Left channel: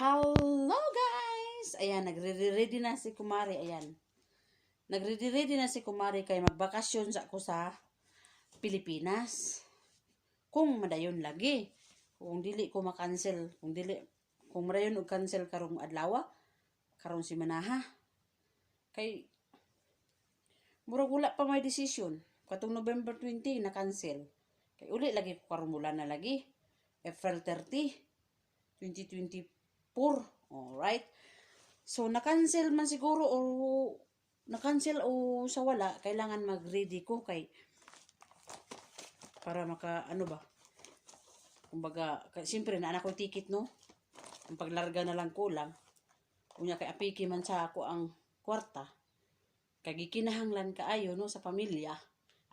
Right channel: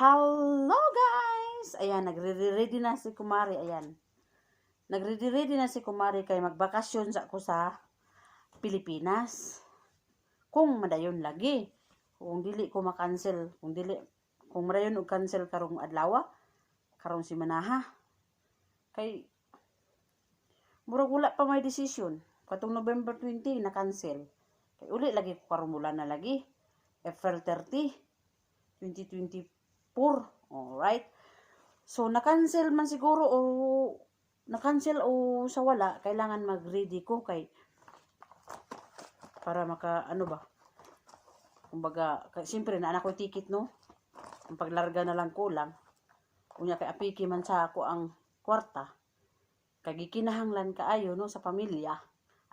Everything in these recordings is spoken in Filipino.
Hello guys! Ayan, nagre-ready na si Kumari. Ayan. Nagre-ready na si Kumari kay magbakasyon sa ako sa Pilipinas. Kung madayon lagi. Kung dili ko makancel. Kung madayon og cancel karong adlaw, karong simanaha. Kay murag wala pa may decision. Katong November 20 na cancel. Kay uli lagi ko karong bulan na lagi. April 30, 2024. Alright. So, na-cancel man siguro o na-cancel o sa wala, kailangan mag-ready ko kay para maka, ano ba? Kumbaga, siyempre na anak ko ticket, no? Ang paglarga na lang kulang. Unya kay apiki man sa ako ang kwarta. Kay gikinahanglan kaayo, no, sa pamilya.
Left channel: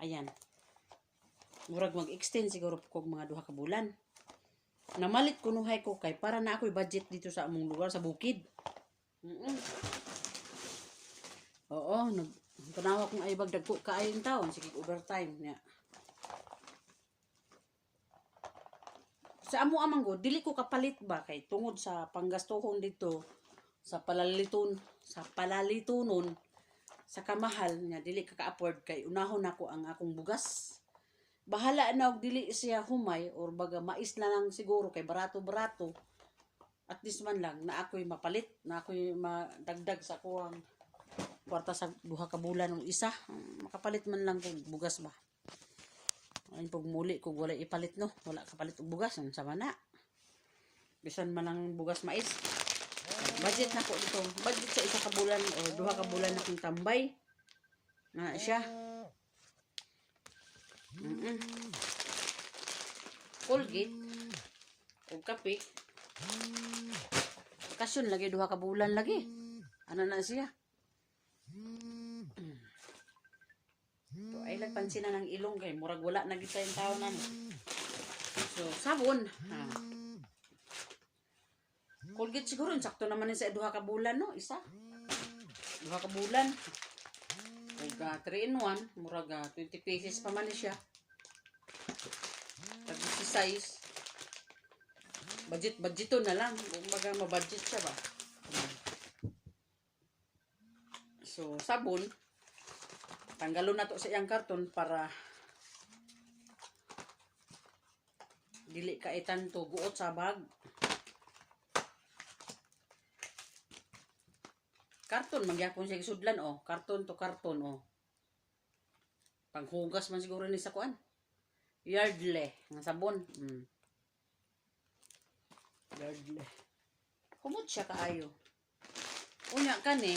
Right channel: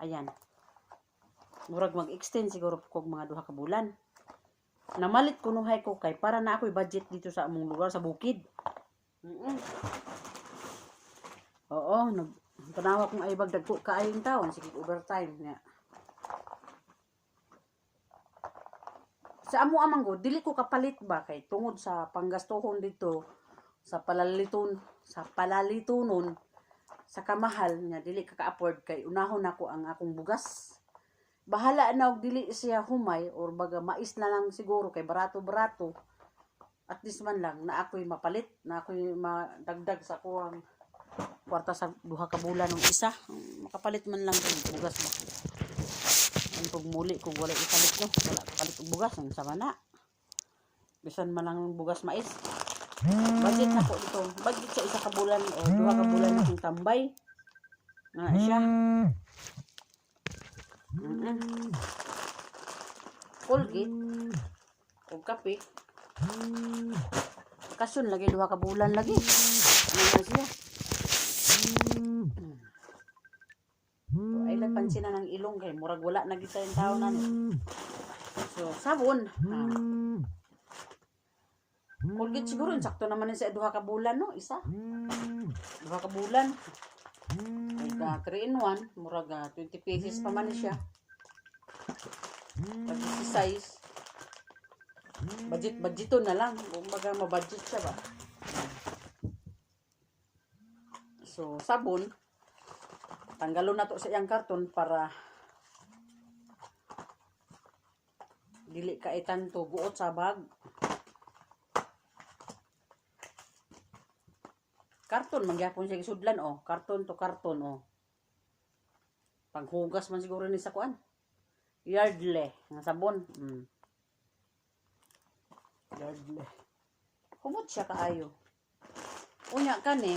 Ayan. Murag mag-extend siguro kog mga 2 ka bulan. Namalit kunuhay ko kay para na ako'y budget dito sa among lugar sa bukid. Oo, nagtanawa kong ay bagdag ko kaayong taon, sige overtime niya. Sa amo amang go, dili ko kapalit ba kay tungod sa panggastuhon dito sa palalitunon sa kamahal niya dili ka ka-afford kay unahon ako ang akong bugas. Bahala na og dili siya humay or baga mais na lang siguro kay barato-barato. At least man lang na ako'y mapalit, na ako'y madagdag sa kuwang kwarta sa 2 ka bulan ng isa. Makapalit man lang og bugas ba. Ang pagmuli kung wala ipalit, no, wala kapalit og bugas ang sama na. Bisan man lang bugas mais. Budget na po ito. Budget sa 1 ka bulan o 2 ka bulan ng tambay. Na siya. Colgate o kape kasyon lagi 2 ka bulan lagi ano na siya ay nagpansin na ng ilong kay murag wala na kita yung tao na so sabon Colgate siguro sakto naman sa 2 ka bulan, no, isa 2 ka bulan ay ka 3 in 1 murag 20 pesos pa man siya. Pag-exercise budgeton na lang kumbaga mabudget siya ba. So sabon tanggalon na to sa iyang karton para dili ka itanto buot sa bag. Karton mangyapon siya isudlan, oh, karton to karton, oh. Panghugas man siguro ni sa kuan. Yardley nga sabon. Yardley. Kumot siya kaayo. Unya kani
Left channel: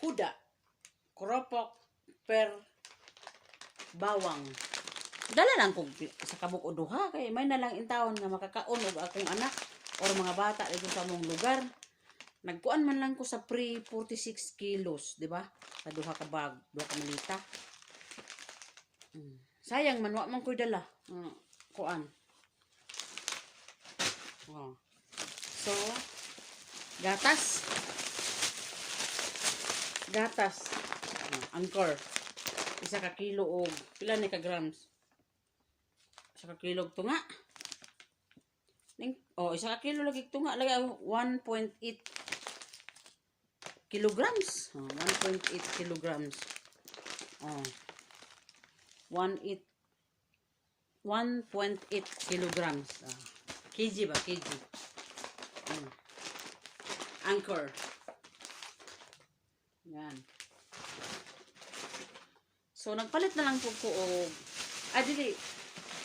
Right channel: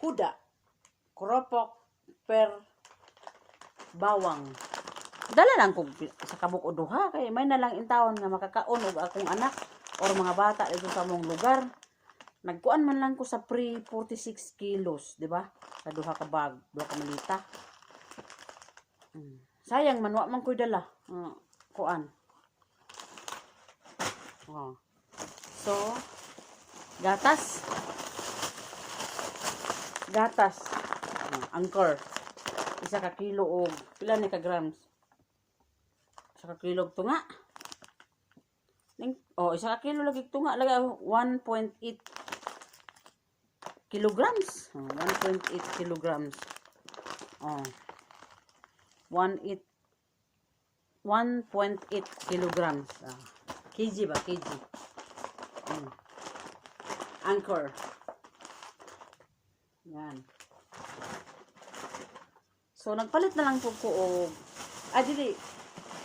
kuda. Kuropok per bawang. Dala lang kog sa kabuk o duha kay may na lang intawon nga makakaon og akong anak or mga bata dito sa among lugar. Nagkuan man lang ko sa pre 46 kilos, di ba? Sa 2 ka bag, 2 ka malita. Sayang man wa man ko'y dala. Kuan. Oh. So, gatas. Anchor. 1 ka kilo og pila ni ka grams? 1 ka kilo og tunga. Oh, 1 ka kilo lagi tunga lagi 1.8 kilograms. 1.8 kilograms. Oh. 1.8 kilograms. Kg ba? Kg. Anchor. Yan. So, nagpalit na lang po ko og dili.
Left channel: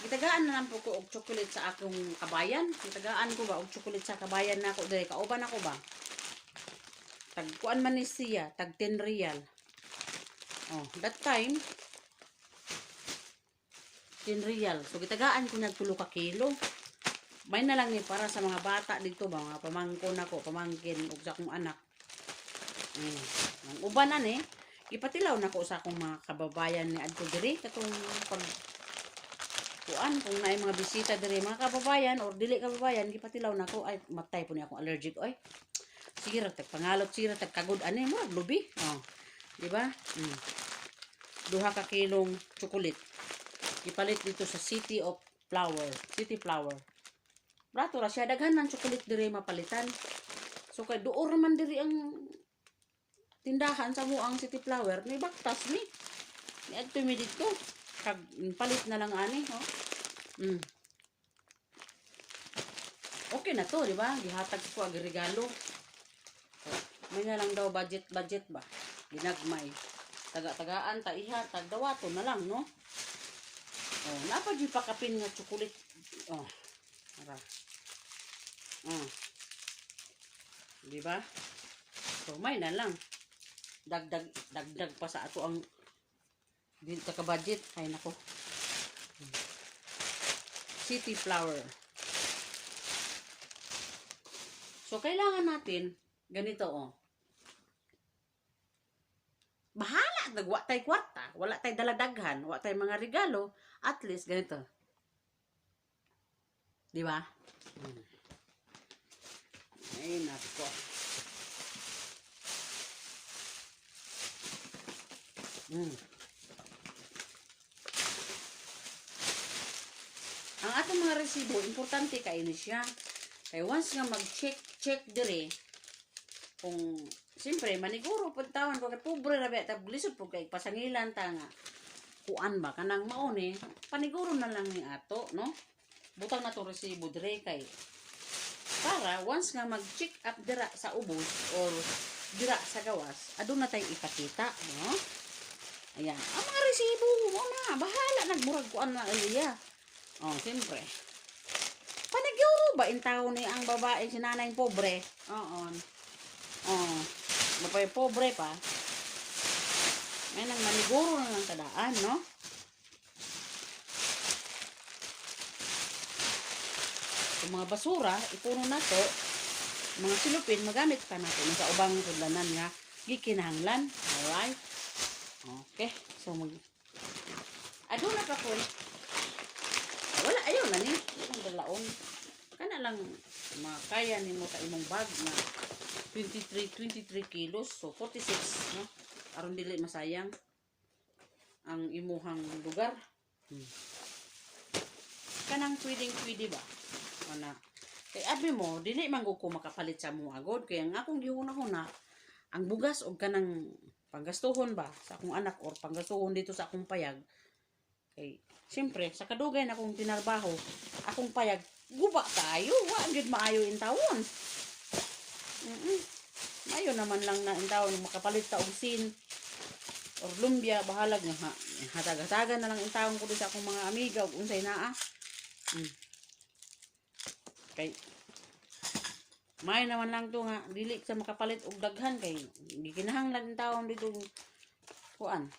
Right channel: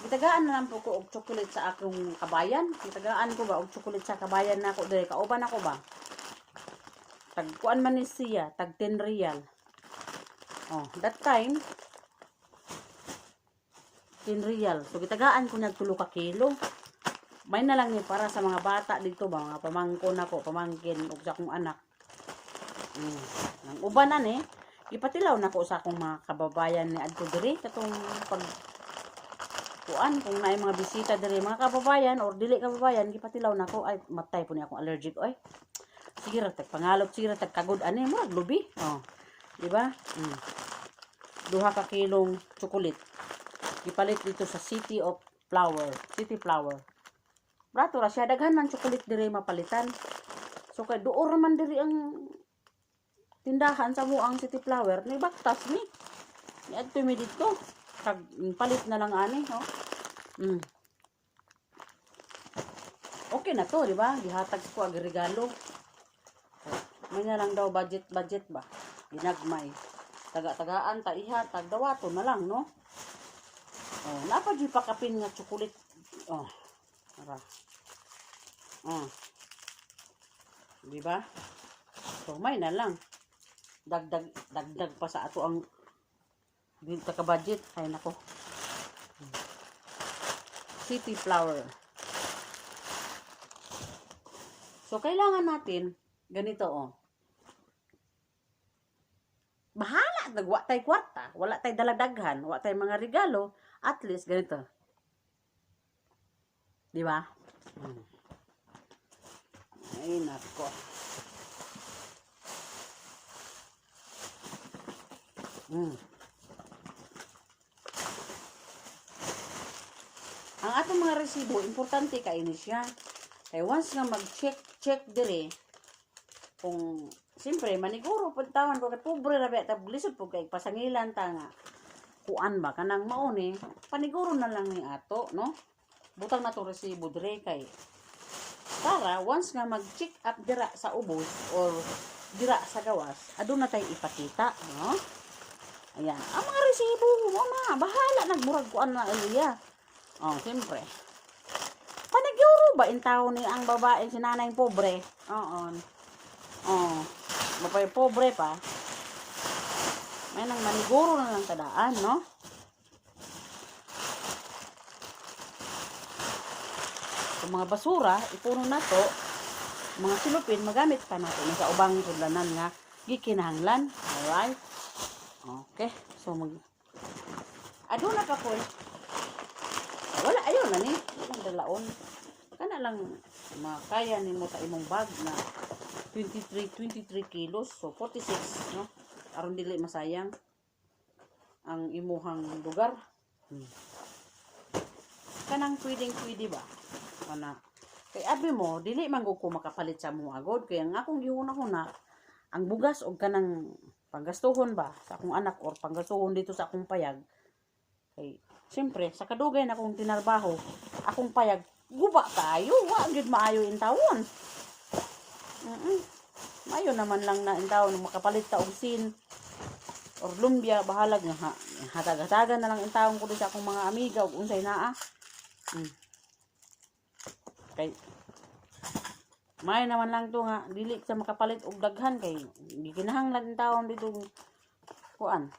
Gitagaan na lang po ko og chocolate sa akong kabayan. Gitagaan ko ba og chocolate sa kabayan na ako. Dili, kauban ako ba? Tagkuan man ni siya. Tag 10 real. Oh, that time 10 real. So, gitagaan ko nag 3 ka kilo. May na lang ni para sa mga bata dito ba, mga pamangkin ako, pamangkin ug sa akong anak. Nang uban na ni, ipatilaw nako sa akong mga kababayan ni adto diri katong pag kuan kung naay mga bisita diri mga kababayan or dili kababayan, gipatilaw nako ay matay po ni akong allergic oy. Sige ra tag pangalot, sige ra tag kagud ani mo lubi. Oh. Di ba? 2 ka kilong chocolate. Ipalit dito sa City Flower. Brato ra siya daghan man chocolate diri mapalitan. So kay duor man diri ang tindahan sa muang City Flower ni baktas ni. Ni adto mi dito. Kag palit na lang ani, no? Okay na to, di ba? Gihatag ko ag regalo. May na lang daw budget ba? Ginagmay. Taga-tagaan ta ihatag dawato na lang, no? Oh, napad yung pakapin nga chocolate. Oh. Ara. Oh. Di ba? So may na lang. Dagdag pa sa ato ang dito ka budget. Ay nako. City Flower. So kailangan natin ganito oh. Bahala dagwa tay kwarta, wala tay daladaghan, wala tay mga regalo, at least ganito. Di ba? Ay nako. Ang atong mga resibo, importante kaini siya. Kaya once nga mag-check dire, kung, siyempre, maniguro, puntawan ko, kay pobre rabi, tablisod po kay pasangilan ta nga, kuan ba, kanang mauni, paniguro na lang ni ato, no? Butang na to resibo dire, kay, para, once nga mag-check up dira sa ubos, or dira sa gawas, adun na tayo ipakita, no? Ayan, ang mga resibo, mo na, bahala, nagmurag kuan na, iya. Oh, siyempre. Paniguro ba in tao ni ang babaeng sinanay pobre? Oo. Oh, mapay pobre pa. May nang maniguro na lang tadaan, no? Kung mga basura, ipuno na to, mga silupin, magamit pa natin sa ubang tudlanan nga gikinahanglan. Alright? Okay. So, adun na ka po wala, ayun na ni. Ang dalaon. Kana lang makaya ni mo sa imong bag na 23 kilos. So, 46, no? Aron dili masayang ang imuhang lugar. Kanang pwede ba? Kana. Kay abi mo, dili man ko makapalit sa mo agod. Kaya ang akong gihuna-huna, ang bugas o kanang panggastuhon ba sa akong anak or panggastuhon dito sa akong payag. Kay siyempre, sa kadugay na akong tinarbaho, akong payag, guba tayo, wagid maayo in tawon. Maayo naman lang na in tawon, makapalit ta og sin, or lumbia, bahalag nga, hatag-hatagan na lang in tawon ko sa akong mga amiga, o unsay naa. Kay, may naman lang to nga, dili sa makapalit og daghan, kay, gikinahanglan in tawon dito, kuan,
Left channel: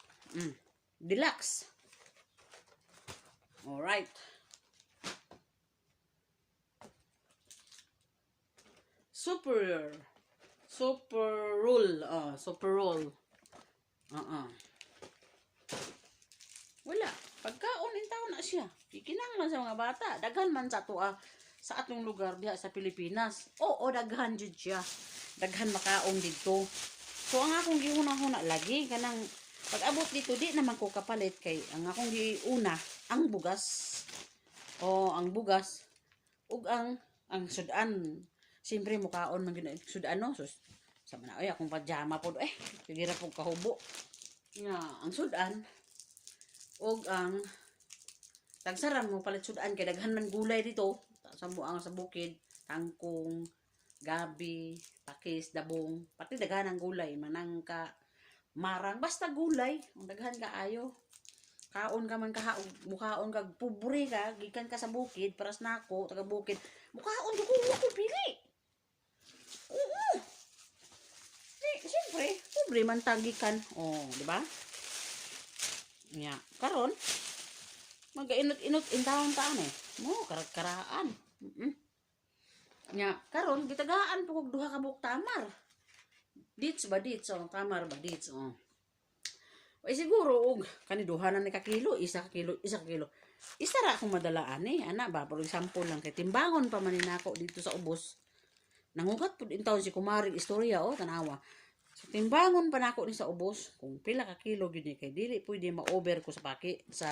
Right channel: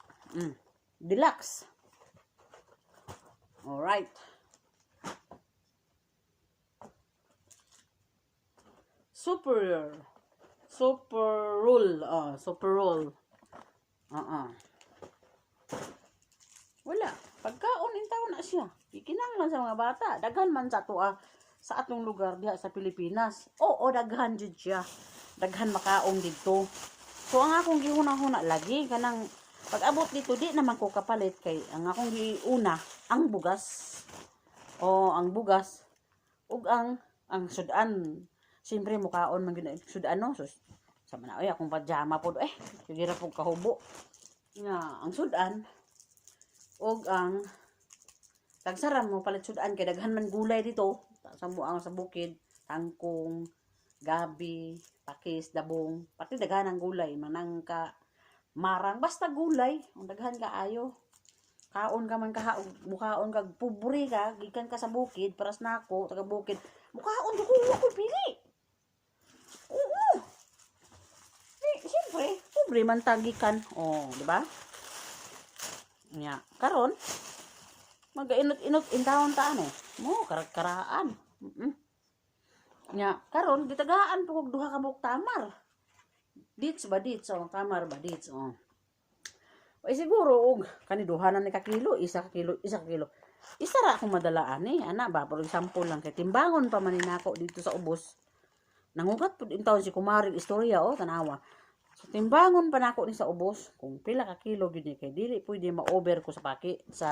deluxe. Alright. Superior. Super roll. Super roll. Wala. Pagkaon in taon na siya. Ikinanglan sa mga bata. Daghan man sa tuwa sa atong lugar diha sa Pilipinas. Oo, daghan jud siya. Daghan makaon dito. So ang akong gihuna-huna lagi kanang pag-abot dito di naman ko kapalit kay ang akong giuna ang bugas. Ang bugas ug ang sudan. Siyempre mukaon man gyud sudan no. So, sa man ay akong pajama pod sige ra pug kahubo. Nga ang sudan ug ang tagsaram mo palit sudan kay daghan man gulay dito sa muang sa bukid, tangkong, gabi, pakis, dabong, pati daghan ang gulay, manangka, marang, basta gulay, ang daghan kaayo. Kaon ka man kaha, mukhaon kag pobre ka, gikan ka sa bukid, paras nako, taga bukid. Mukhaon ko pili. Oo. Siyempre, pobre man tagikan. Di ba? Nya, karon magainot-inot in taon taan mo karaan. Nya, karon gitagaan po kog duha ka buok tamar. Dits, tamar ba dits. Ay siguro og kani duha na ni ka kilo, isa kilo. Isa ra akong madalaan ana ba for example lang kay timbangon pa man nako dito sa ubos. Nangugat pud in taon si kumaring istorya tanawa. So timbangon pa nako ni sa ubos kung pila ka kilo gid ni kay dili pwede ma-over ko sa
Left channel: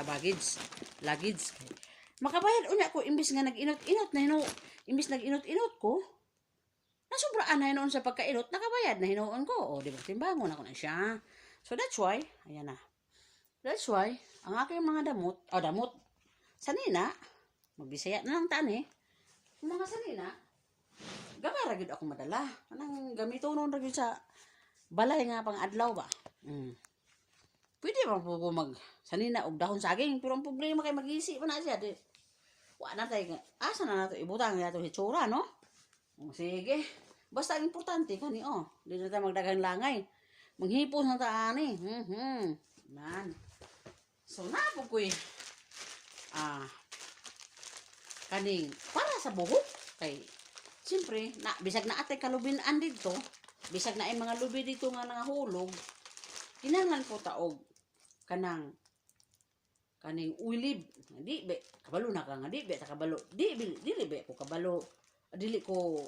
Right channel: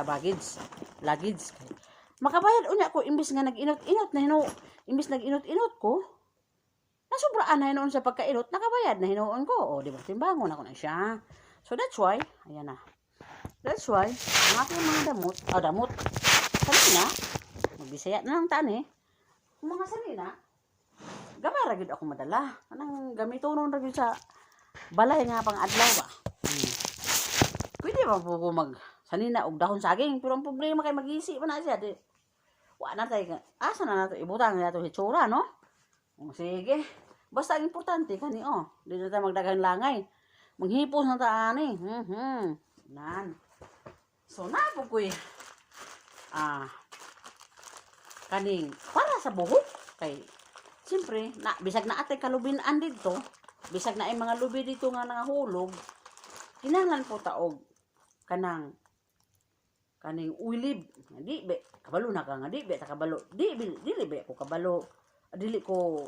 baggage. Luggage kay Makabayad unya ko imbis nga nag-inot-inot na imbis nag-inot-inot ko. Nasubraan na hinoon sa pagkainot, nakabayad na hinoon ko. O, di ba? Timbangon ako na siya. So, that's why, ayan na. That's why, ang aking mga damot, salina, magbisaya na lang tani, ang mga salina, gamara gid ako madala. Anang gamitonon ra gyud sa balay nga pang adlaw ba. Pwede ba po mag sanina og dahon saging, pero ang problema kay magisi pa na siya. Di, wa na tay asa na nato ibutang nato hitsura, no? O, sige. Basta ang importante kani di na tayo magdagang langay. Manghipos na ta ani. Nan. So na po koy kaning para sa buhok kay siyempre na bisag na atay kalubin-an dito, bisag na ay mga lubi dito nga nangahulog, kinahanglan po taog kaning ulib. Di be kabalo na ka nga di be ta kabalo. Dili be ko kabalo. Dili ko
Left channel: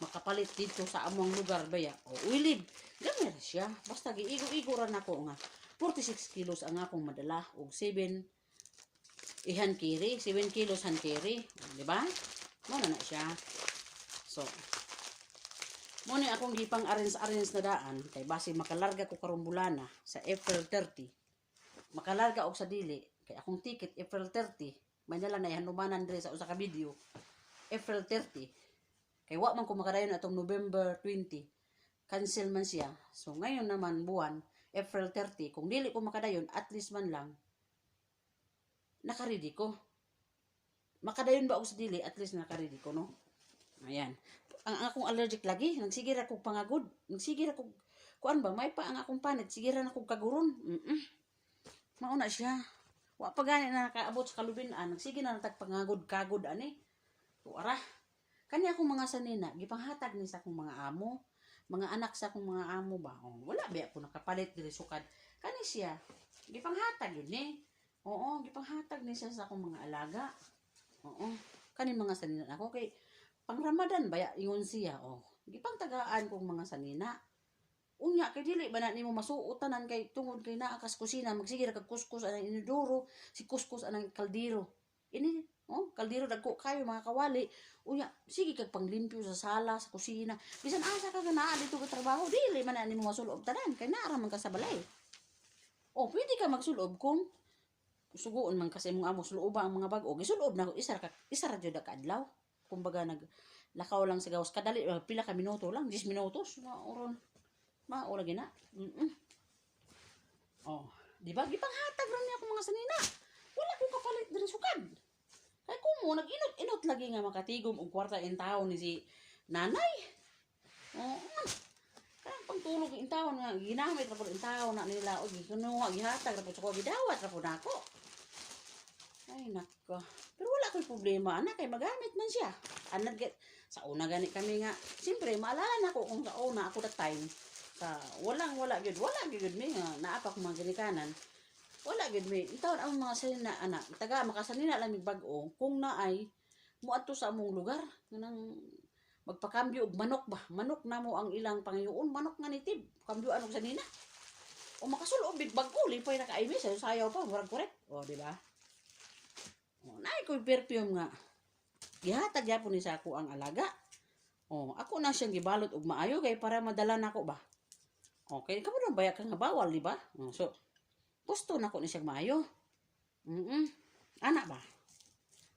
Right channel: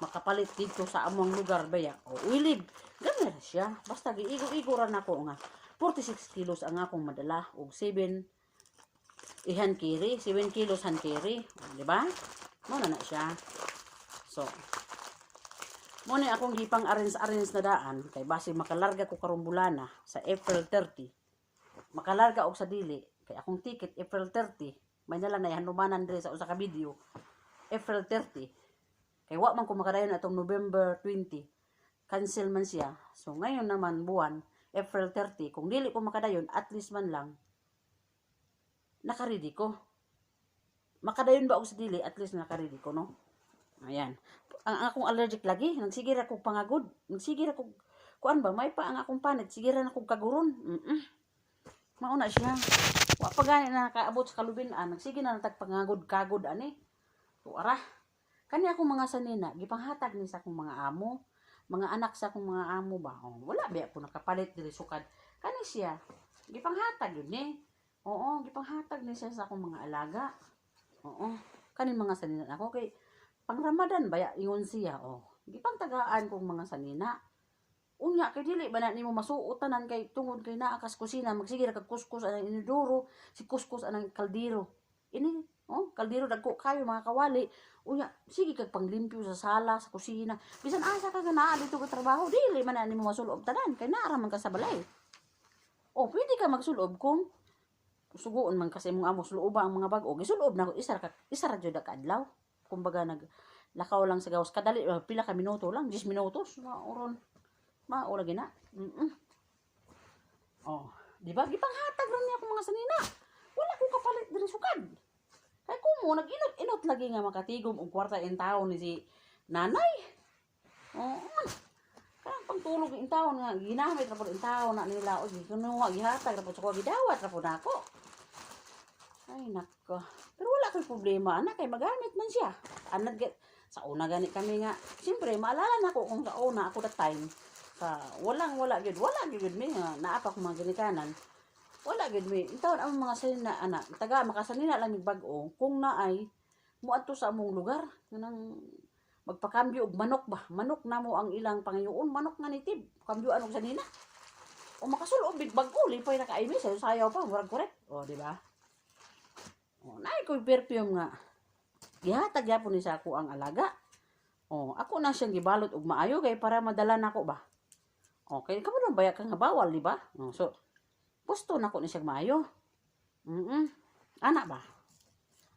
makapalit dito sa among lugar baya. O ulib. Gamay siya. Basta giigo-igo ra nako nga 46 kilos ang akong madala og 7 kilos han kiri, di ba? Mo na siya. So, mo ni akong gipang arrange na daan kay base makalarga ko karong bulana sa April 30. Makalarga og sa dili kay akong ticket April 30. May nalang na hanumanan dire sa usa ka video. April 30. Kay wa man ko makadayon atong November 20. Cancel man siya. So ngayon naman buwan April 30, kung dili ko makadayon, at least man lang, nakaredy ko. Makadayon ba ako sa dili, at least nakaredy ko, no? Ayan. Ang akong allergic lagi, nagsigir ako pangagod. Nagsigir ako, kuan ba, may pa ang akong panit, sigiran ako kaguron. Mauna siya. Wa pa gani na nakaabot sa kalubinan, nagsigir na natagpangagod-kagod, ani. Tuara. Kani akong mga sanina, gipanghatag ni sa akong mga amo, mga anak sa akong mga amo ba. Wala ba ako nakapalit diri sukad. Kani siya, gipanghatag yun Oo, gipanghatag ni siya sa akong mga alaga. Oo, kani mga sanina ako kay pang Ramadan ba ingon siya. Gipangtagaan kong mga sanina. Unya kay dili ba na nimo masuotanan kay tungod kay naa kas kusina magsigir kag kuskus anang iniduro, si kuskus anang kaldero. Ini kaldero dagko kayo mga kawali. Unya, sige kag panglimpyo sa sala, sa kusina. Bisan asa ka naa dito ka trabaho, dili man na nimo masulob tanan kay naa man ka sa balay. Pwede ka magsulob kung suguon man kasi imong amo suloba ang mga bag-o. Gisulob na ko isa ra jud ka adlaw. Kumbaga naglakaw lang sa gawas kadali pila ka minuto lang, 10 minutos maura gina. Di ba gipanghatag ra niya ako mga sanina. Wala ko kapalit diri sukad. Kay kumo nag-inot lagi nga makatigom og kwarta in taon ni si nanay. Kaya pagtulog in taon nga ginamit ra pud in taon na nila og ginuwa gihatag ra pud sa gidawat ra pud nako. Ay nako. Pero wala koy problema ana kay magamit man siya. Sa una gani kami nga siyempre maalala nako kung sa una ako that time sa wala gyud mi nga naa pa ko mga ginikanan. Wala gid mi. Intawon ang mga sanina ana, taga makasanina lang mig bag-o kung naay muadto sa among lugar nganang magpakambyo og manok ba. Manok namo ang ilang pangayoon, manok nga nitib. Kambyoan og sanina. Makasulob big bag-o, lipay na kaimi sayaw pa, murag korek. Di ba? Naay koy perfume nga. Gihatag gyapon ni sa ako ang alaga. Ako na siyang gibalot og maayo kay para madala nako ba. Okay, kamo lang baya ka nga bawal, di ba? So pusto na ko ni siyang maayo. Ana ba?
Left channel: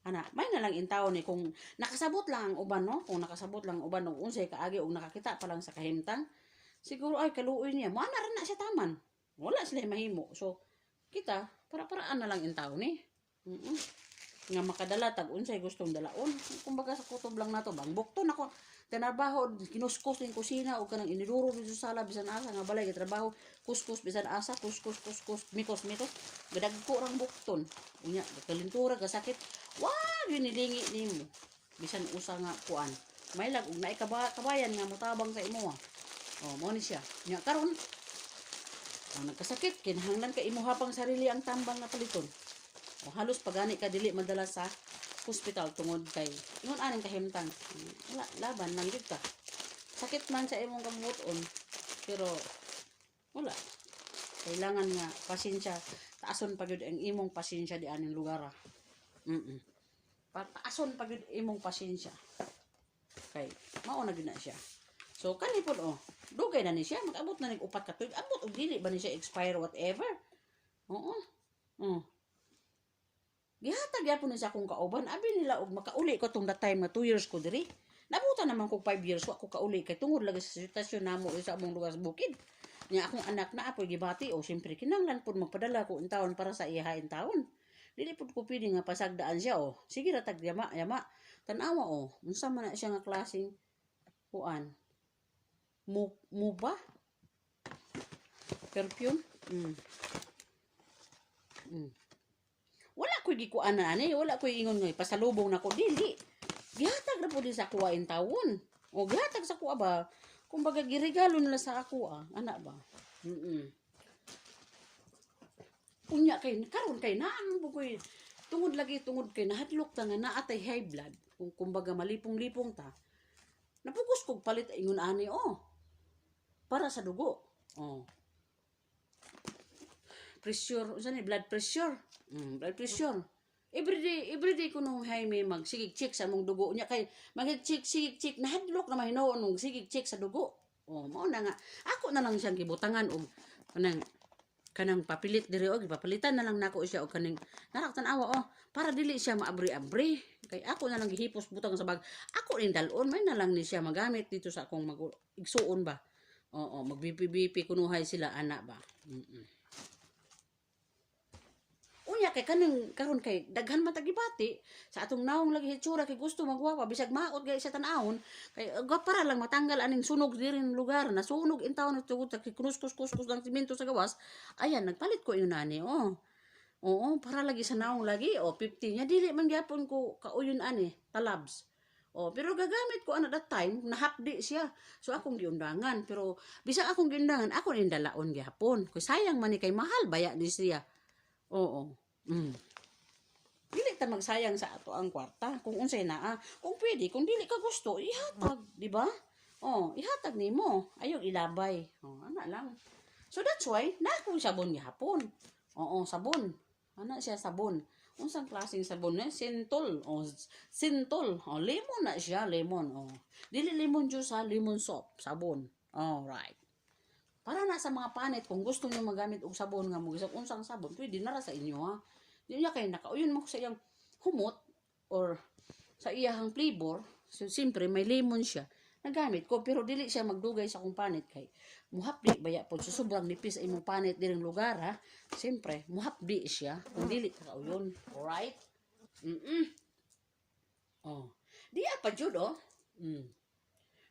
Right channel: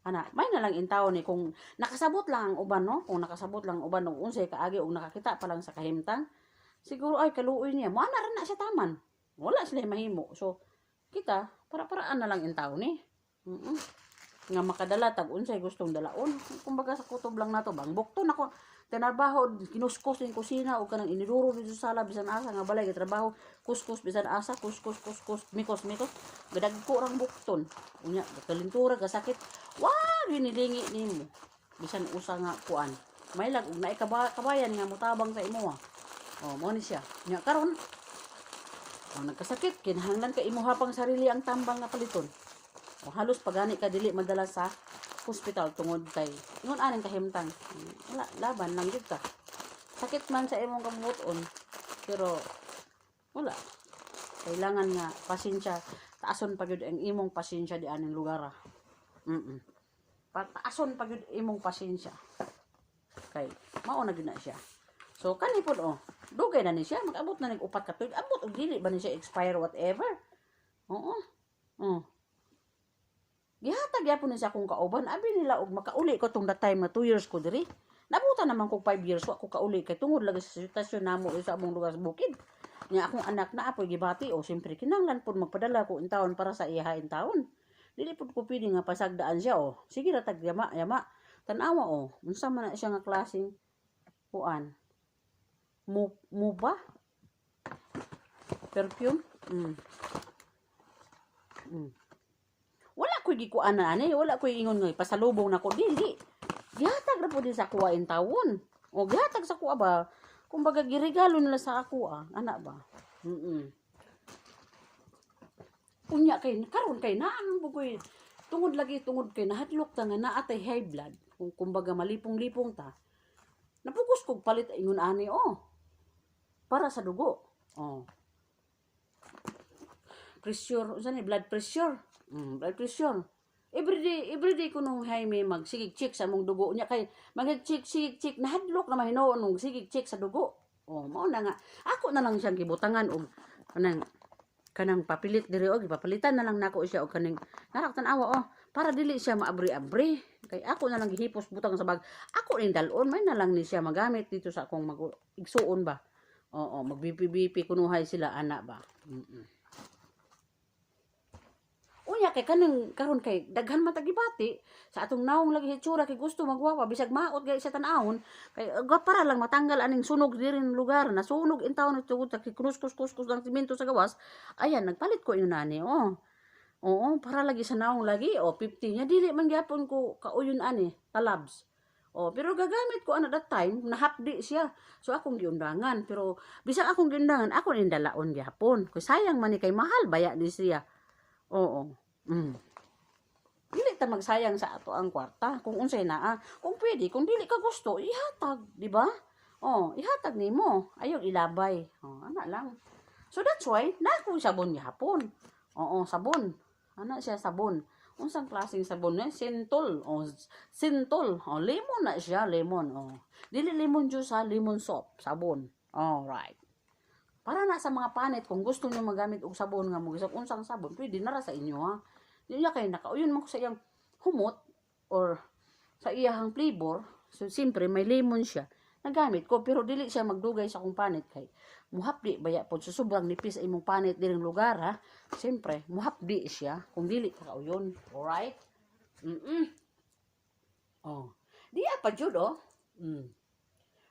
Ana, may na lang intaw ni kung nakasabot lang ang uban, no? Kung nakasabot lang ang uban ng unsay kaagi og nakakita pa lang sa kahimtang, siguro ay kaluoy niya. Mo ana ra na siya taman. Wala sila mahimo. So, kita para-paraan na lang intaw ni. Nga makadala tag unsay gustong dalaon. Kumbaga sa kutob lang nato bang bukton ako tinarbaho kinuskus ning kusina o kanang iniduro dito sa sala bisan asa nga balay trabaho kuskus bisan asa kuskus mikos gadagko rang bukton unya kalintura ka sakit nilingi nimo bisan usa nga kuan may lag og naay kabayan nga motabang sa imo mao ni siya nya karon nagkasakit kinahanglan ka imo hapang sarili ang tambang nga paliton halos pagani ka dili madala sa hospital tungod kay ingon aning kahimtang wala laban lang gid ka sakit man sa imong kamuton pero wala kailangan nga pasensya taason pa gyud ang imong pasensya di aning lugar Pataason pag imong pasensya. Kay mao na gyud na siya. So kani pod dugay na ni siya, mag-abot na ning upat ka tuig. Abot og dili ba ni siya expire whatever. Oo. Oh. Gihatag gyapon ni siya akong kauban. Abi nila og makauli ko tong that time na 2 years ko diri. Nabutan naman ko 5 years wa ko kauli kay tungod lagi sa sitwasyon namo sa among lugar sa bukid. Nya akong anak na apoy gibati siyempre kinahanglan pod magpadala ko intawon para sa iya intawon. Dili pod ko pili nga pasagdaan siya Sige ra tag yama. Tan-awa unsa man na siya nga klaseng kuan. Mo ba? Perfume? Wala ko'y gikuan na wala ko'y ingon nga pasalubong nako dili. Gihatag ra pud sa kuha intawon. Gihatag sa kuha ba? Kumbaga giregalo nila sa ako ana ba? Unya kay karon kay naan mo ko'y tungod kay nahadlok ta nga naatay high blood. Kumbaga malipong-lipong ta. Napugos kog palit ingon ani para sa dugo. Pressure, unsa ni blood pressure? Blood pressure. Everyday ko nung Jaime magsigig check sa mong dugo niya kay magsigig check nahadlok na mahinoon nung sigig check sa dugo. Mao na nga. Ako na lang siyang gibutangan og kanang papilit diri papalitan na lang nako siya og kaning naraktan awa para dili siya maabri-abri. Kay ako na lang gihipos butang sa bag. Ako ning dalon may na lang ni siya magamit dito sa akong igsuon ba. Mag-BP kunuhay sila ana ba. Unya kay kaning karon kay daghan matagibati sa atong naong lagi hitsura kay gusto magwapa bisag maot gay sa tan-awon kay para lang matanggal aning sunog diri ng lugar na sunog intawon at tugod kay kus lang simento sa gawas. Ayan nagpalit ko inani para lagi sa naong lagi 50 nya dili man gyapon ko kauyon ani talabs. Pero gagamit ko that time nahapdi siya. So akong giundangan pero bisag akong giundangan ako ning dalaon gyapon. Kay sayang man ni kay mahal baya di siya. Dili ta magsayang sa ato ang kwarta kung unsay naa. Kung pwede, kung dili ka gusto, ihatag, di ba? Ihatag nimo. Ayaw ilabay. Ana lang. So that's why na akong sabon gyapon. Sabon. Ana siya sabon. Unsang klaseng sabon na? Sintol. Sintol. Lemon na siya, lemon. Dili lemon juice lemon soap, sabon. Alright. Para na sa mga panit, kung gusto niyo magamit og sabon nga mo, unsang sabon, pwede na ra sa inyo Dili kay nakauyon mo ko sa iyang humot or sa iyang flavor. So siyempre may lemon siya. Nagamit ko pero dili siya magdugay sa akong panit kay muhapdi baya pod sa sobrang nipis sa imong panit diring lugar Siyempre muhapdi siya kung dili ka kauyon. Alright? Diya pa jud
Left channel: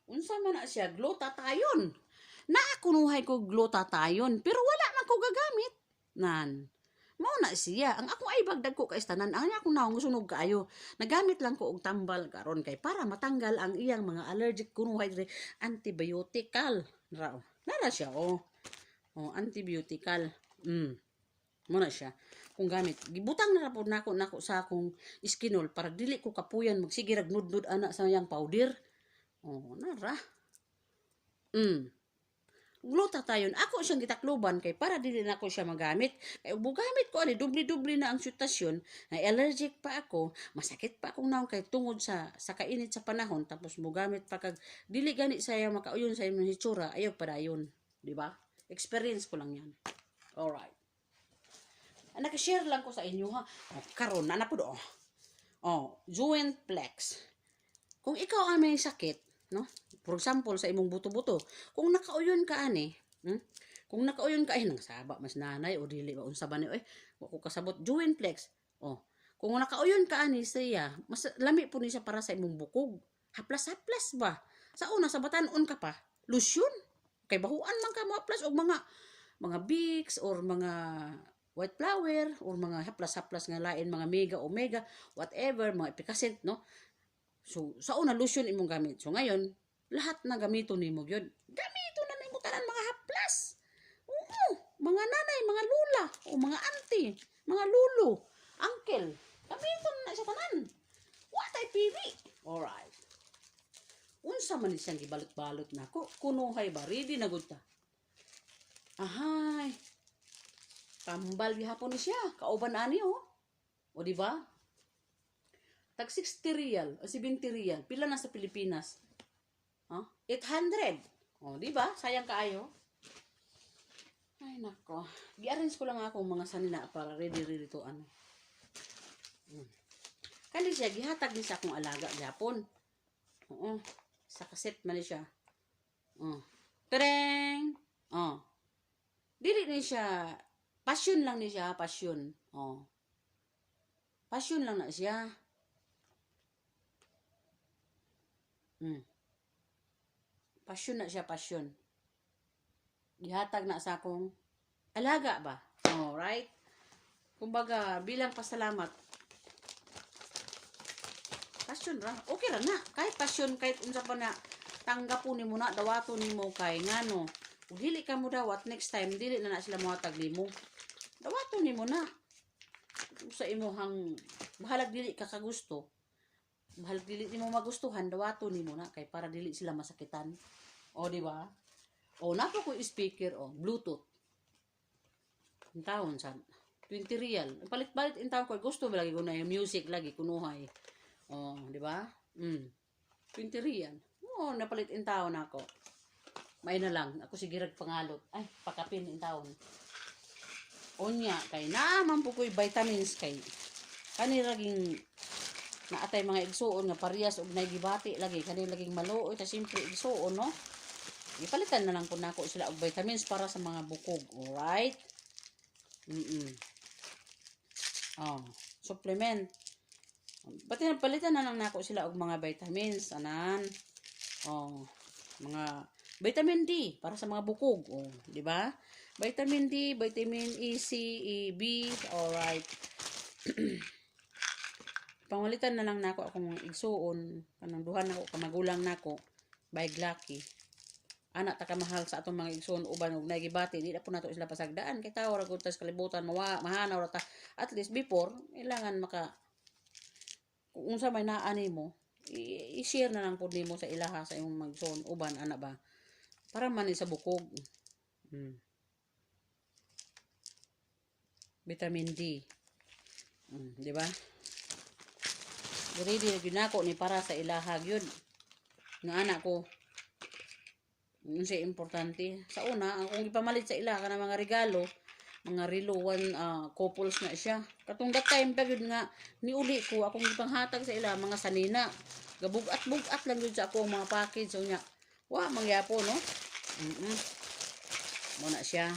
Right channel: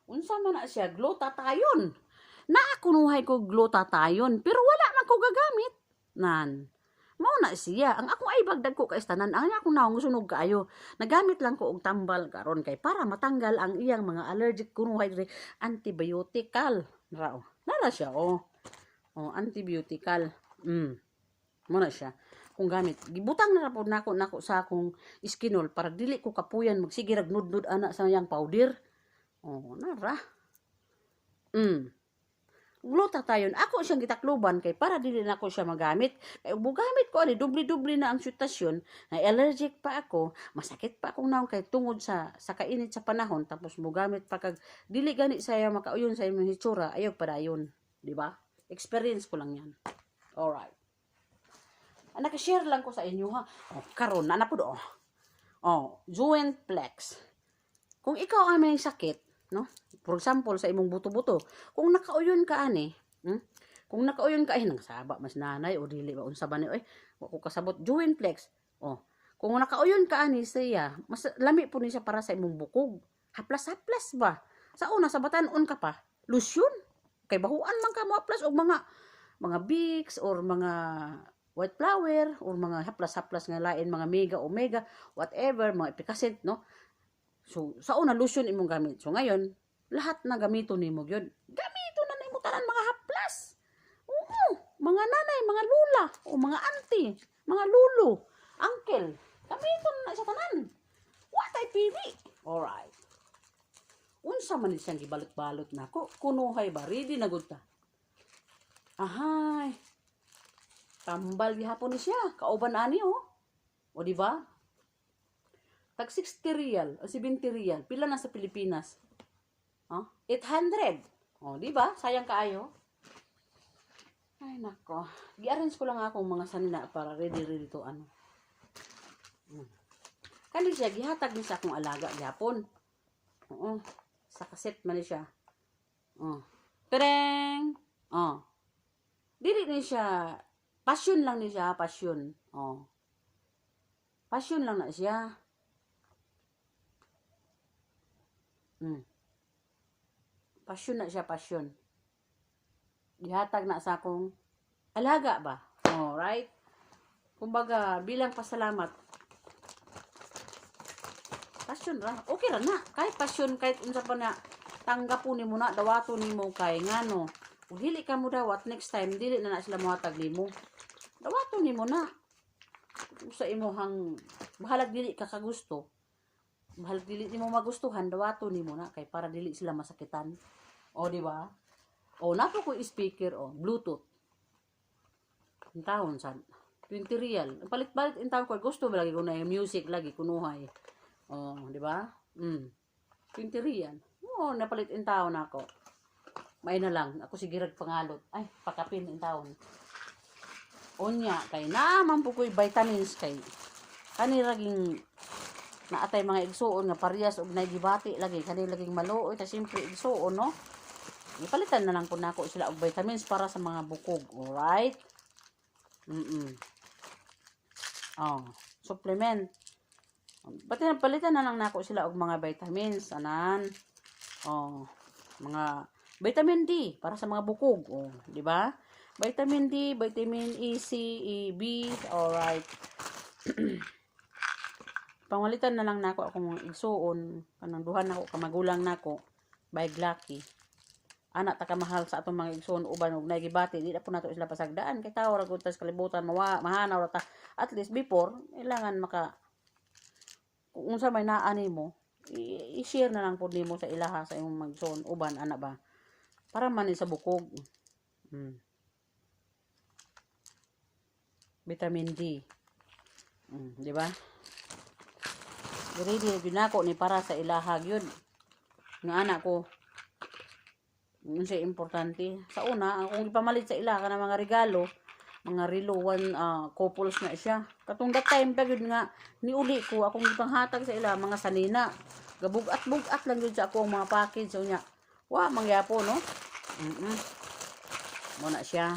Unsa man na siya glutathione. Naakunuhay ko glutathione pero wala man ko gagamit. Mao na siya. Ang akong ay bagdag ko kay tanan. Ang akong naong sunog kaayo. Nagamit lang ko og tambal karon kay para matanggal ang iyang mga allergic kunuhay diri antibiotical. Nara siya antibiotical. Mo na siya. Kung gamit gibutang na pod nako sa akong iskinol para dili ko kapuyan magsige rag nudnud ana sa iyang powder. Nara. Glutathione ako siyang gitakloban kay para dili na ako siya magamit kay ug gamit ko ani dubli-dubli na ang sitwasyon na allergic pa ako masakit pa akong naong kay tungod sa kainit sa panahon tapos mogamit pa kag dili gani saya makauyon sa imong hitsura ayaw padayon di ba experience ko lang yan. Alright, naka-share lang ko sa inyo karon na pod joint flex kung ikaw ang may sakit for example sa imong buto-buto kung nakauyon ka kung nakauyon ka nang saba mas nanay o dili ba unsa ba ni wa ko kasabot joint flex kung nakauyon ka siya mas lami po ni siya para sa imong bukog haplas ba sa una sa batan-on ka pa lotion kay bahuan man ka mo haplas og mga Vicks or mga white flower or mga haplas nga lain mga mega omega whatever mga epicacid so sa una lotion imong gamit so ngayon lahat na gamito nimo gyud. Gamito na nimo tanan mga haplas. Mga nanay, mga lula, o mga auntie, mga lolo, uncle. Gamito na sa tanan. What ay pibi? Alright. Unsa man siyang gibalot-balot nako? Kunuhay ba ready na gud ta? Ahay. Tambal gihapon ni siya, kauban ani O di ba? tag 60 real o 70 real. Pila na sa Pilipinas? 800. Di ba? Sayang kaayo. Ay nako. Gi-arrange ko lang akong mga sanina para ready to ano. Kani siya gihatag ni sa akong alaga gyapon. Oo. Sa kaset man ni siya. Tereng. Dili ni siya passion lang ni siya, passion. Passion lang na siya. Passion na siya, passion. Gihatag na sa akong alaga ba? Right? Kumbaga, bilang pasalamat. Passion ra. Okay ra na. Kahit passion, kahit unsa pa na tanggapon nimo na, dawaton nimo kay ngano. Kung dili ka mo dawat, next time, dili na sila muhatag nimo. Dawaton nimo na. Usa imohang bahalag dili ka kagusto. Bahalag dili nimo magustuhan, dawaton nimo na kay para dili sila masakitan. Di ba? Napo ko speaker, Bluetooth. Ang taon san 20 real. Palit-palit in taon ko gusto lagi ko na yung music lagi kunuhay. Di ba? 20 real. Napalit in taon ako. May na lang ako sigirag pangalot. Ay, pakapin in taon. Unya kay naman po ko'y vitamins kay kaniraging naatay mga igsuon nga parehas og naigibati lagi kanilaging maluoy ta simple igsuon no. Ipalitan na lang po nako sila og vitamins para sa mga bukog. Alright? Supplement. Palitan na lang nako sila og mga vitamins anan. Mga vitamin D para sa mga bukog. Di ba? Vitamin D, vitamin E, C, E, B. Alright. Pangalitan na lang nako akong mga igsuon kanang duhan nako kamagulang nako by Lucky. Anak ta kamahal sa atong mga igsoon uban ug nagibati di na po nato sila pasagdaan kay tao ra gud tas kalibutan mahanaw ra ta at least before kailangan kung unsa may naa nimo i-share na lang pud nimo sa ilaha sa imong magsoon uban ana ba para man sa bukog. Vitamin D. Di ba? Ready ginako ni para sa ilaha gyud nga anak ko. Siya importante. Sa una, kung ipamalit sa ila ka ng mga regalo, mga relo, couples na siya. Katong that time pa yun nga, niuli ko, akong ipanghatag sa ila, mga sanina. Gabugat-bugat lang yun sa akong mga package. So niya, mangyapo, no? Muna siya.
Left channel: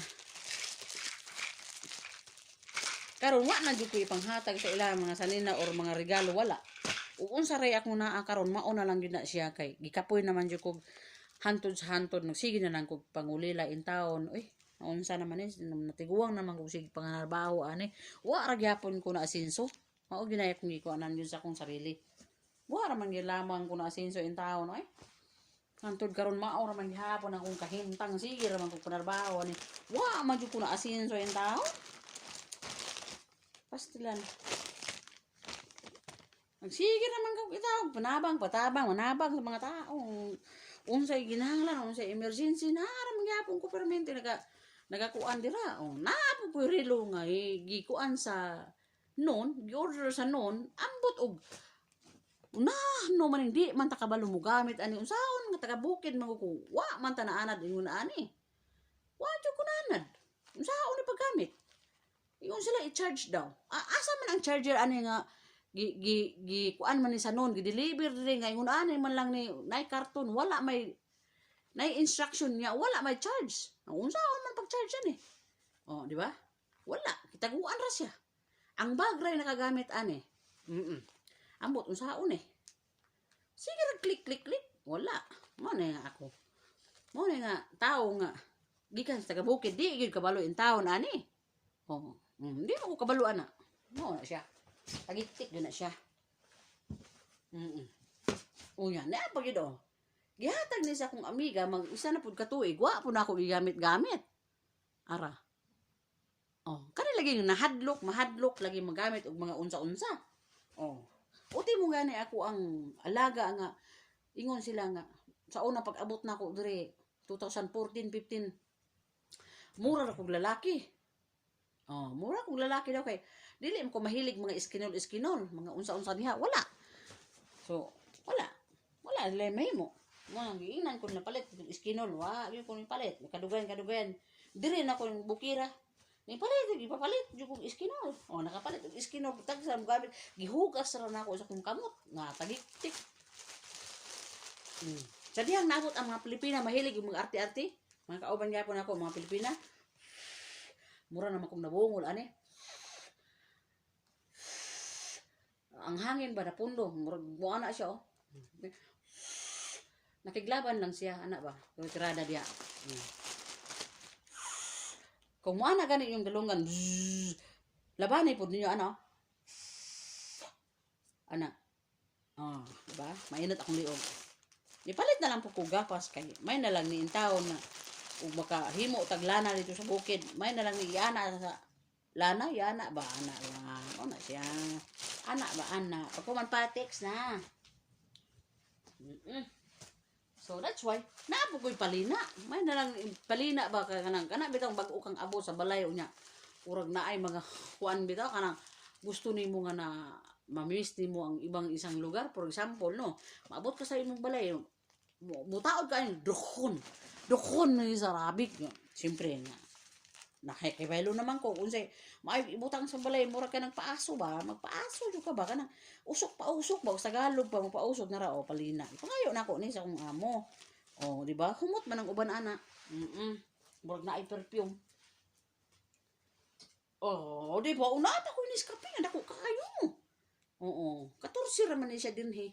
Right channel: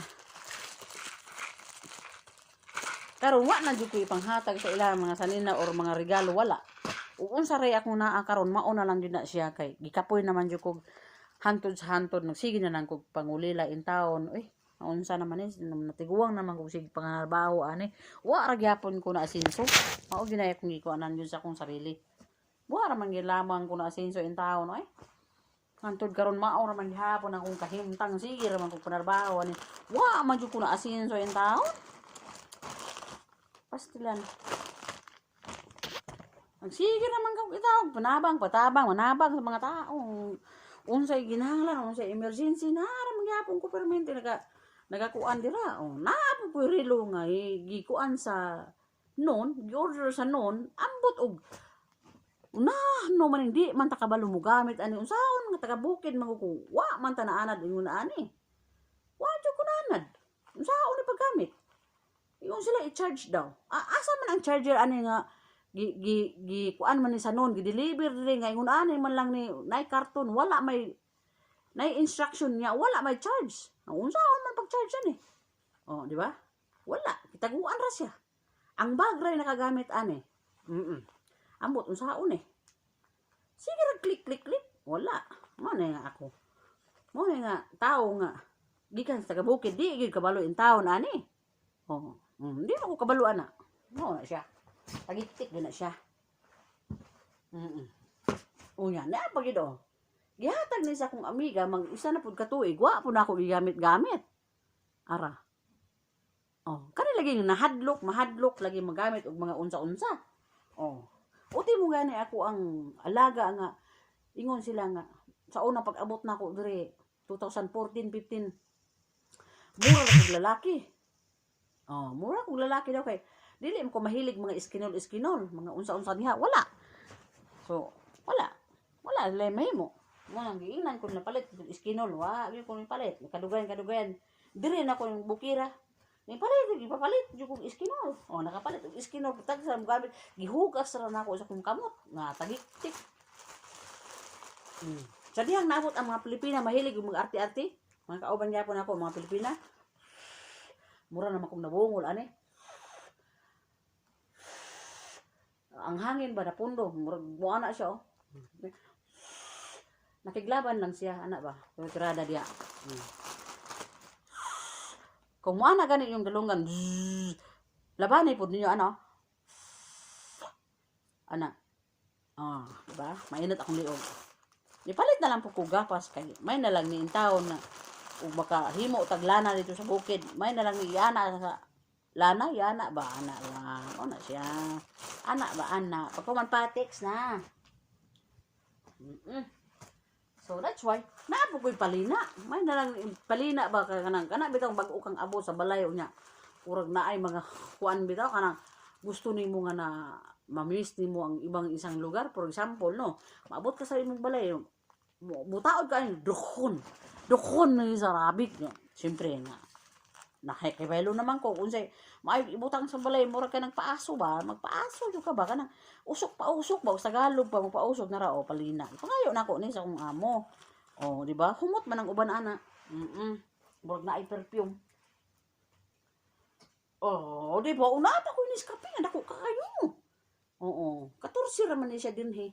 Karon na dyan ko ipanghatag sa ila, mga sanina or mga regalo, wala. Kung sa ray ako na karon mauna lang yun na siya kay gikapoy naman dyan ko hantod sa hantod sige na lang kog pangulila in taon unsa naman natiguwang naman kog sige pangarbaho ani ra gyapon ko na asenso mao ginaya kong gikuanan yun sa akong sarili ra man gilamang ko na asenso in taon hantod karon mao ra man gihapon akong kahintang sige ra man kog panarbaho ani man jud ko na asenso in taon pastilan sige naman kog itaw patabang manabang sa mga tao unsay ginahanglan unsay emergency na ra magyapon ko permente nagakuan dira napo ko relo nga gikuan sa gi-order sa ambot og no man hindi man ta kabalo mo gamit ani unsaon nga taga bukid man ko man ta naanad ingon ani jud ko naanad unsaon ni paggamit ingon sila i-charge daw asa man ang charger ani nga kuan man ni sa gi-deliver diri nga ingon ani man lang ni nay karton wala may nay instruction niya wala may charge unsaon man pag-charge ani di ba wala kitaguan ra siya ang bag ray nakagamit ani ambot unsaon sige ra click wala mo na nga ako mo na nga tao nga gikan sa taga bukid di gyud kabalo in taon ani di mo ko kabalo ana mo na siya tagitik yun na siya. Unya, na pag yun gihatag ni sa akong amiga, isa na pud katuig, po na ako gigamit-gamit. Ara. Kani lagi mahadlok, lagi magamit og mga unsa-unsa. Uti mo gani ako ang alaga nga, ingon sila nga, sa una pag-abot na ako diri, 2014-15, mura na kong lalaki. Mura kong lalaki daw kay dili ko mahilig mga iskinol, mga unsa-unsa niha, wala. So, wala. Wala, lemay mo. Nga, giingnan ko na palit, iskinol, gyud ko ni palit, kadugayan. Dire na ko yung bukira. Ni palit, gipapalit, gyud ko iskinol. O, nakapalit, iskinol, tag sa gamit, gihugas ra na ako sa kong kamot, nga, tagik-tik. Sa dihang naabot ang mga Pilipina, mahilig yung mga arte-arte. Mga kauban nga po na ako, mga Pilipina. Mura naman kong nabungol, ani. Ang hangin ba na pundo, murag buwan na siya, oh. Nakiglaban lang siya, anak ba? Yung tirada diya. Kung mo na ganit yung galungan, labanay po ninyo, ano? Anak. Diba? Mainit akong liog. Ipalit na lang po ko gapas kay may na lang ni taon na ug makahimo tag lana dito sa bukid. May na lang ni ana sa lana, yana ba ana lang. Na siya. Ana ba ana? Pagkuman patiks na. So that's why naapo ko'y palina. May na lang palina ba kanang kana bitaw bag-o kang abo sa balay unya. Urag naay mga kuan bitaw kanang gusto nimo nga na mamiss nimo ang ibang isang lugar, for example, no. Maabot ka sa imong balay, butaod ka ni dukhon na sa Arabic, no. Siyempre nga nakikibelo naman ko kung say may ibutang sa balay mura ka ng paaso ba, magpaaso jud ka ba kanang usok pa sa Tagalog pa magpausok na ra o palina. Pangayo na ko ni sa akong amo. Oh, di ba? Humot man ang uban ana. Murag na ay perfume. Oh, di ba? Una ata ko ni kape nga dako kayo. Oo, 14 ra man ni siya dinhi.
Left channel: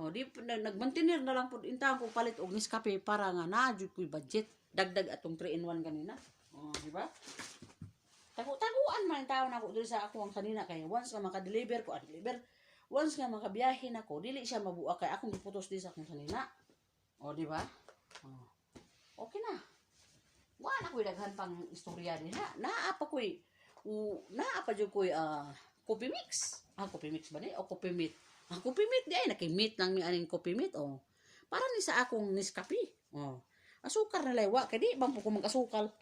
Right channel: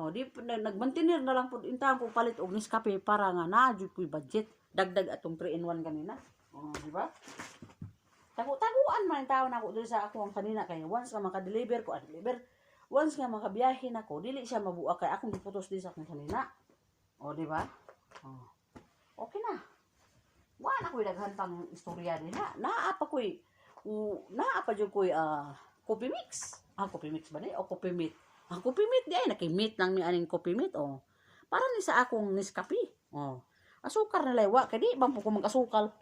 Oh, di nagmantinir na lang pud intang ko palit og Nescafe para nga na jud ko'y budget. Dagdag atong 3 in 1 kanina. Oh, di ba? Taguan man tao na ako diri sa ako ang kanina kay once nga maka-deliver ko, once nga makabiyahe na ko, dili siya mabuak kay akong giputos di sa akong kanina. O, di ba? Oh. Okay na. Wala ko'y daghan pang istorya nila. Naapa jud ko'y coffee mix. Coffee mix ba ni? O coffee meat? Coffee meat di ay nakimit lang ni aning coffee meat. Oh. Para ni sa akong Nescafe. Oh. Asukar na laywa kay di bang po ko mag-asukal.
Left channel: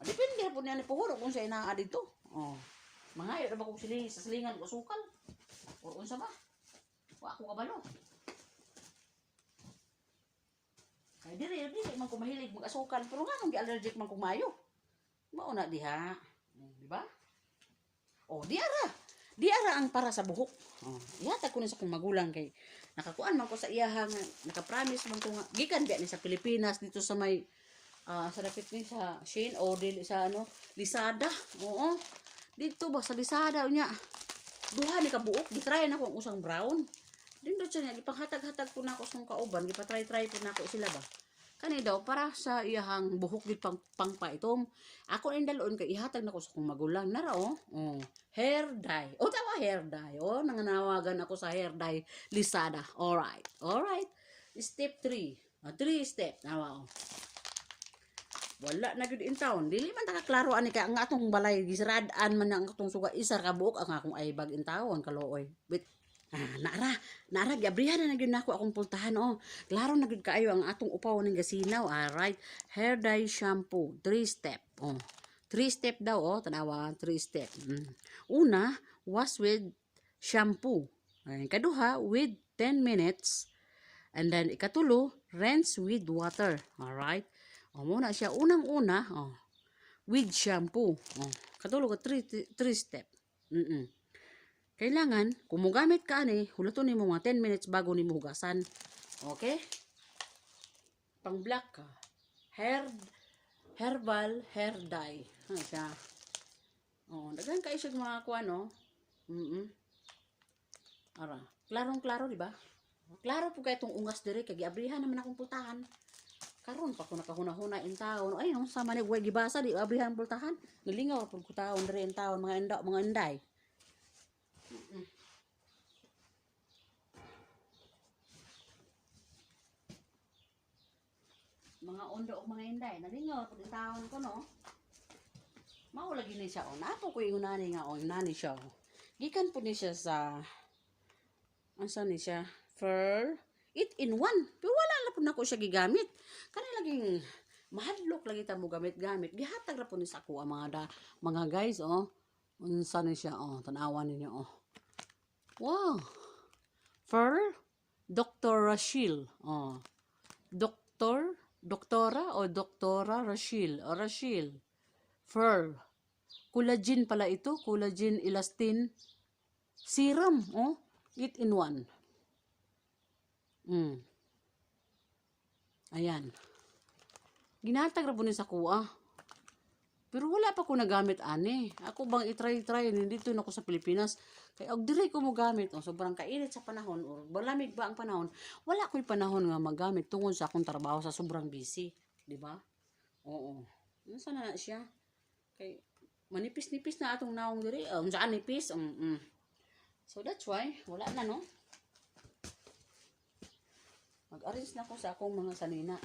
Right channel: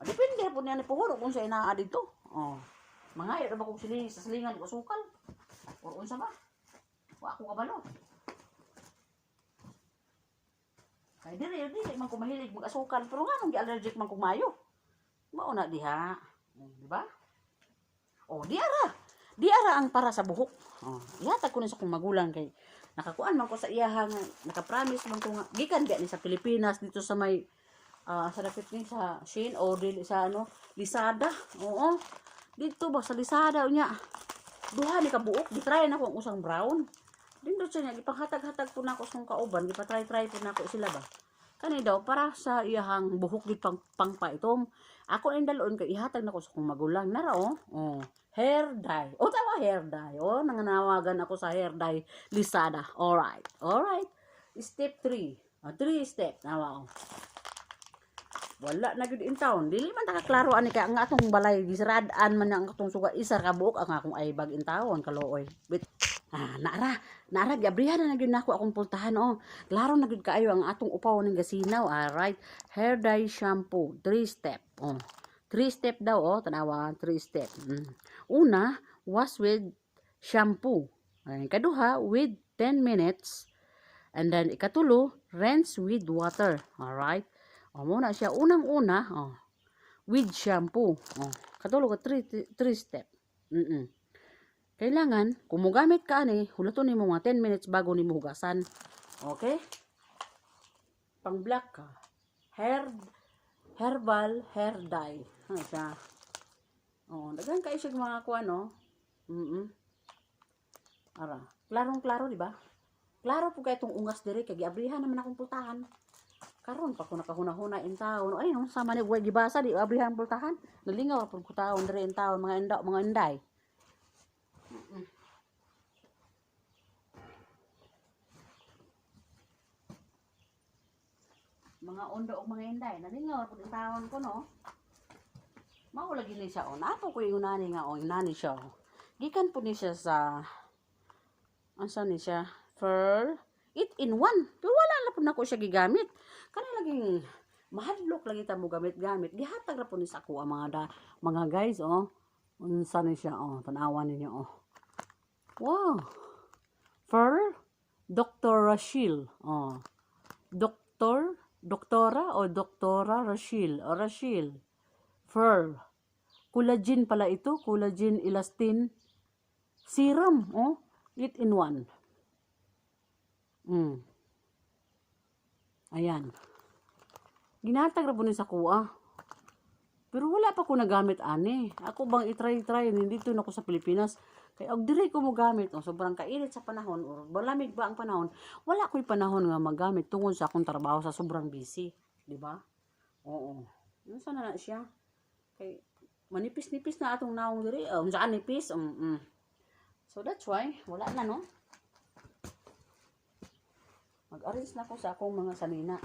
Depende po niya ni puhuro kung sa inaa dito. Oh. Mga ba kung sa silingan ko sukal? O unsa ba? Wa ko kabalo. Kay dili man ko mahilig mag-asukal pero nga nung gi-allergic man ko mayo. Mao na diha. Di ba? Oh, di ara ang para sa buhok. Oh, ihatag ko ni sa kong magulang kay nakakuan man ko sa iyaha nga naka-promise man ko nga gikan ni sa Pilipinas dito sa may sa dapit ni sa Shein o dili sa Lazada. Oo. Dito ba sa Lazada unya. Duha ni ka buok, gitry na ko ang usang brown. Dindot siya niya gipanghatag-hatag po na ako sa kauban, gipatry-try po na ako sila ba. Kani daw para sa iyahang buhok di pangpaitom. Ako ning dalon kay ihatag na ko sa kong magulang na ra hair dye. Tawa hair dye. Nanganawagan ako sa hair dye Lazada. Alright. Step 3. 3 step. Nawa wala na gyud in town. Dili man ta kaklaro ani kay ang atong balay gisradaan man ang atong suga isa ka buok ang akong aybag in town kalooy. Wait. Naara gabrihan na gyud nako akong pultahan Klaro na gyud kaayo ang atong upaw ning gasinaw. Alright. Hair dye shampoo 3 step. 3 step daw tanawa 3 step. Una, wash with shampoo. Kaduha with 10 minutes. And then ikatulo, rinse with water. Alright. Muna siya unang-una with shampoo. Katulo ka 3 step. Kailangan kung mogamit ka ani, hulaton nimo mga 10 minutes bago nimo hugasan. Okay? Pang black ka. Herbal hair dye. Siya. Daghan kayo siya mga kuan Ara, klarong-klaro di ba? Klaro po kay itong ungas diri kay giabrihan naman akong pultahan. Karon pa ko nakahuna-huna in taon. Ay, sama ni way gibasa di abrihan pultahan. Nalingaw pud ko taon diri in taon mga inday. Mga ondo og mga inday, nalingaw pud in taon ko Mao lagi ni siya Napo ko yung nani nga nani siya. Gikan pud ni siya sa asa ni siya? Pearl 8-in-1. Pero wala na po na ko siya gigamit. Kanang laging mahadlok lagi ta mo gamit-gamit. Gihatag ra po ni sa ako ang mga guys unsa ni siya tanawan ninyo Wow. Fur, Dr. Rachel. Oh. Doktora o Doktora Rachel. O Rachel. Fur. Collagen pala ito. Collagen elastin serum. Oh. 8 in 1. Ayan. Ginatag ra po ni sa kuha. Pero wala pa ko nagamit ani. Ako bang i-try dito na ko sa Pilipinas. Kaya og diri ko mo gamit. O sobrang kainit sa panahon o malamig ba ang panahon. Wala ko'y panahon nga magamit tungod sa akong trabaho sa sobrang busy, di ba? Oo. Unsa na siya? Kay manipis-nipis na atong naong diri. Unsaan nipis? So that's why wala na no. Mag-arrange na ko sa akong mga sanina.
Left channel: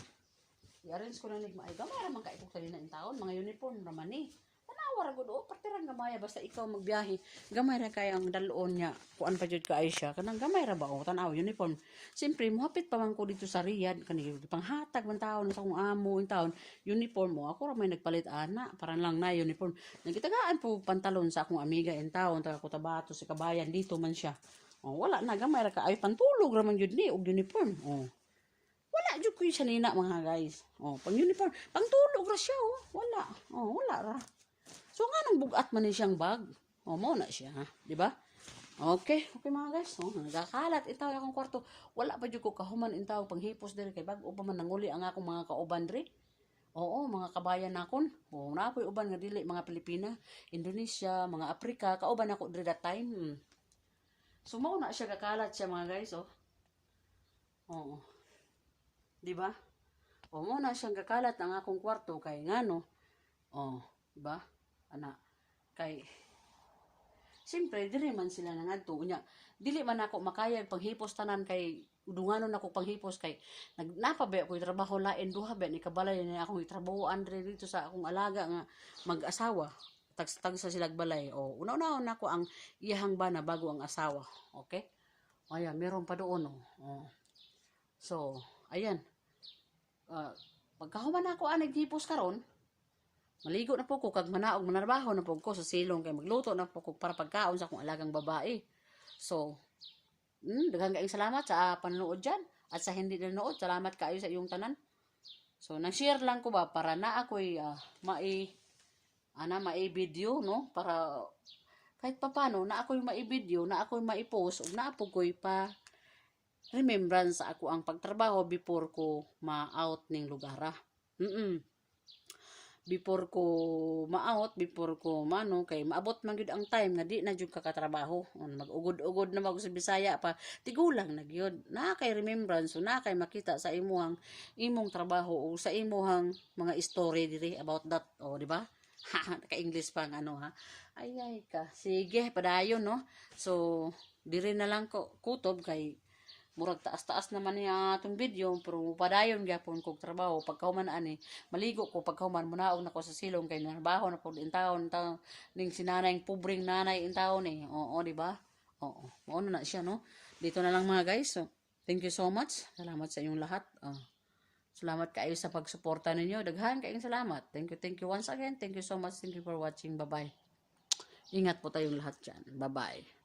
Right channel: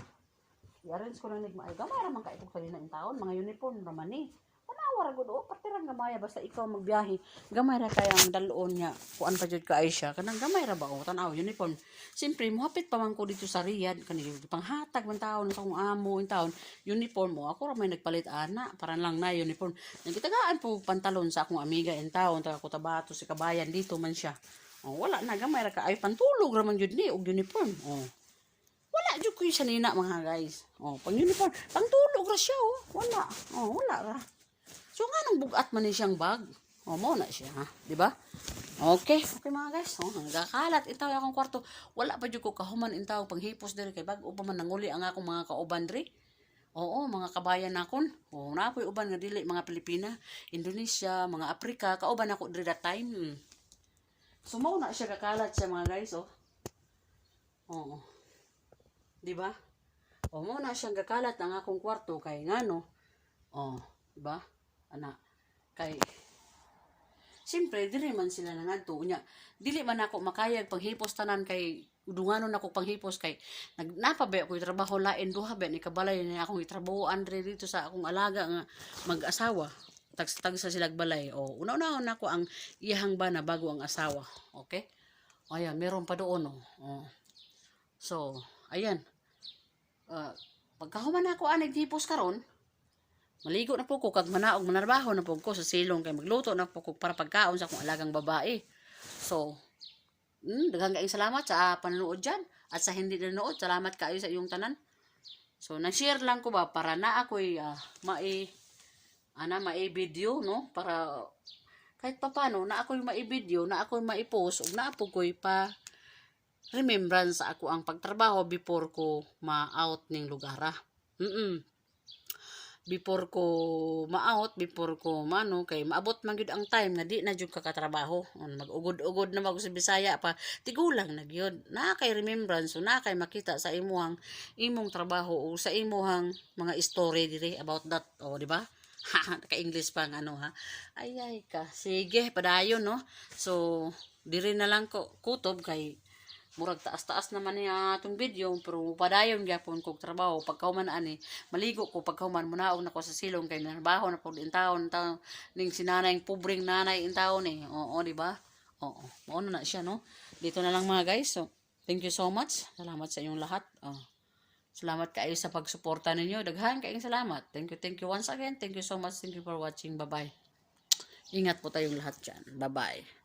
I-arrange ko lang nigma ay gamay ra man ka itong kanina in taon, mga uniform ra man ni. Tanawa ra gud o partirang gamay basta ikaw magbiyahe. Gamay ra kaya ang dalon niya. Kuan pa jud ka ay siya. Kanang gamay ra ba o tanaw uniform. Siyempre mohapit pa man ko dito sa Riyadh kani panghatag man taon sa akong amo in taon. Uniform mo ako ra may nagpalit ana para lang na uniform. Nagitagaan po pantalon sa akong amiga in taon taga Cotabato si Kabayan dito man siya. Oh, wala na gamay ra ka ay pantulog ra man jud ni og uniform. Oh. Wala jud ko siya nina mga guys. Oh, pang uniform, pang tulog ra siya oh. Wala. Oh, wala ra. So nga nang bugat man ni siyang bag. Oh, mo na siya, ha? Di ba? Okay, mga guys. Oh, nagakalat itaw akong kwarto. Wala pa jud ko kahuman intaw panghipos diri kay bag-o pa man nanguli ang akong mga kauban diri. Oo, mga kabayan nakon. Oh, napoy uban nga dili mga Pilipina, Indonesia, mga Afrika, kauban ako diri that time. Sumaw na siya kakalat siya mga guys, oh. Oo. Di ba? O mo na siyang gakalat ang akong kwarto kay ngano. O, di ba? Ana kay siyempre dili man sila nangadto nya. Dili man ako makayag panghipos tanan kay udunganon ako panghipos kay napabay ako trabaho lain duha ba ni kabalay ni akong itrabahoan dito sa akong alaga nga mag-asawa. Tag sa silag balay. O, una-una ako ang iyahang bana bago ang asawa. Okay? O yan, meron pa doon. O. So, ayan. Pagkahuman ako anig hipos karon, maligo na po ko kag manaog manarbaho na po ko sa silong kay magluto na po ko para pagkaon sa akong alagang babae. So, daghang kaayong salamat sa panonood dyan at sa hindi nanood, salamat kaayo sa iyong tanan. So, na-share lang ko ba para na ako'y mai-video no para kahit papano na ako'y mai-video, na ako'y mai-post ug na po ko'y pa remembrance sa ako ang pagtrabaho before ko ma-out ning lugar. Before ko ma-out, before ko mano kay maabot man gyud ang time nga di na jud kakatrabaho. Mag-ugod-ugod na mag sa Bisaya pa. Tigulang na gyud. Na kay remembrance, so na kay makita sa imong trabaho o sa imong mga story diri about that. O di ba? Naka-English pa nga ano ha. Ay ka. Sige, padayon no. So, diri na lang ko kutob kay murag taas-taas naman niya atong video pero padayon gyapon kog trabaho pagkahuman ani maligo ko pagkahuman munaog na ko sa silong kay trabaho na pud in taon ning sinanay pobreng nanay in taon oo di ba oo mao na siya no dito na lang mga guys so thank you so much salamat sa inyong lahat salamat kaayo sa pagsuporta ninyo daghan kaayong salamat thank you once again thank you so much thank you for watching bye bye ingat po tayong lahat dyan bye bye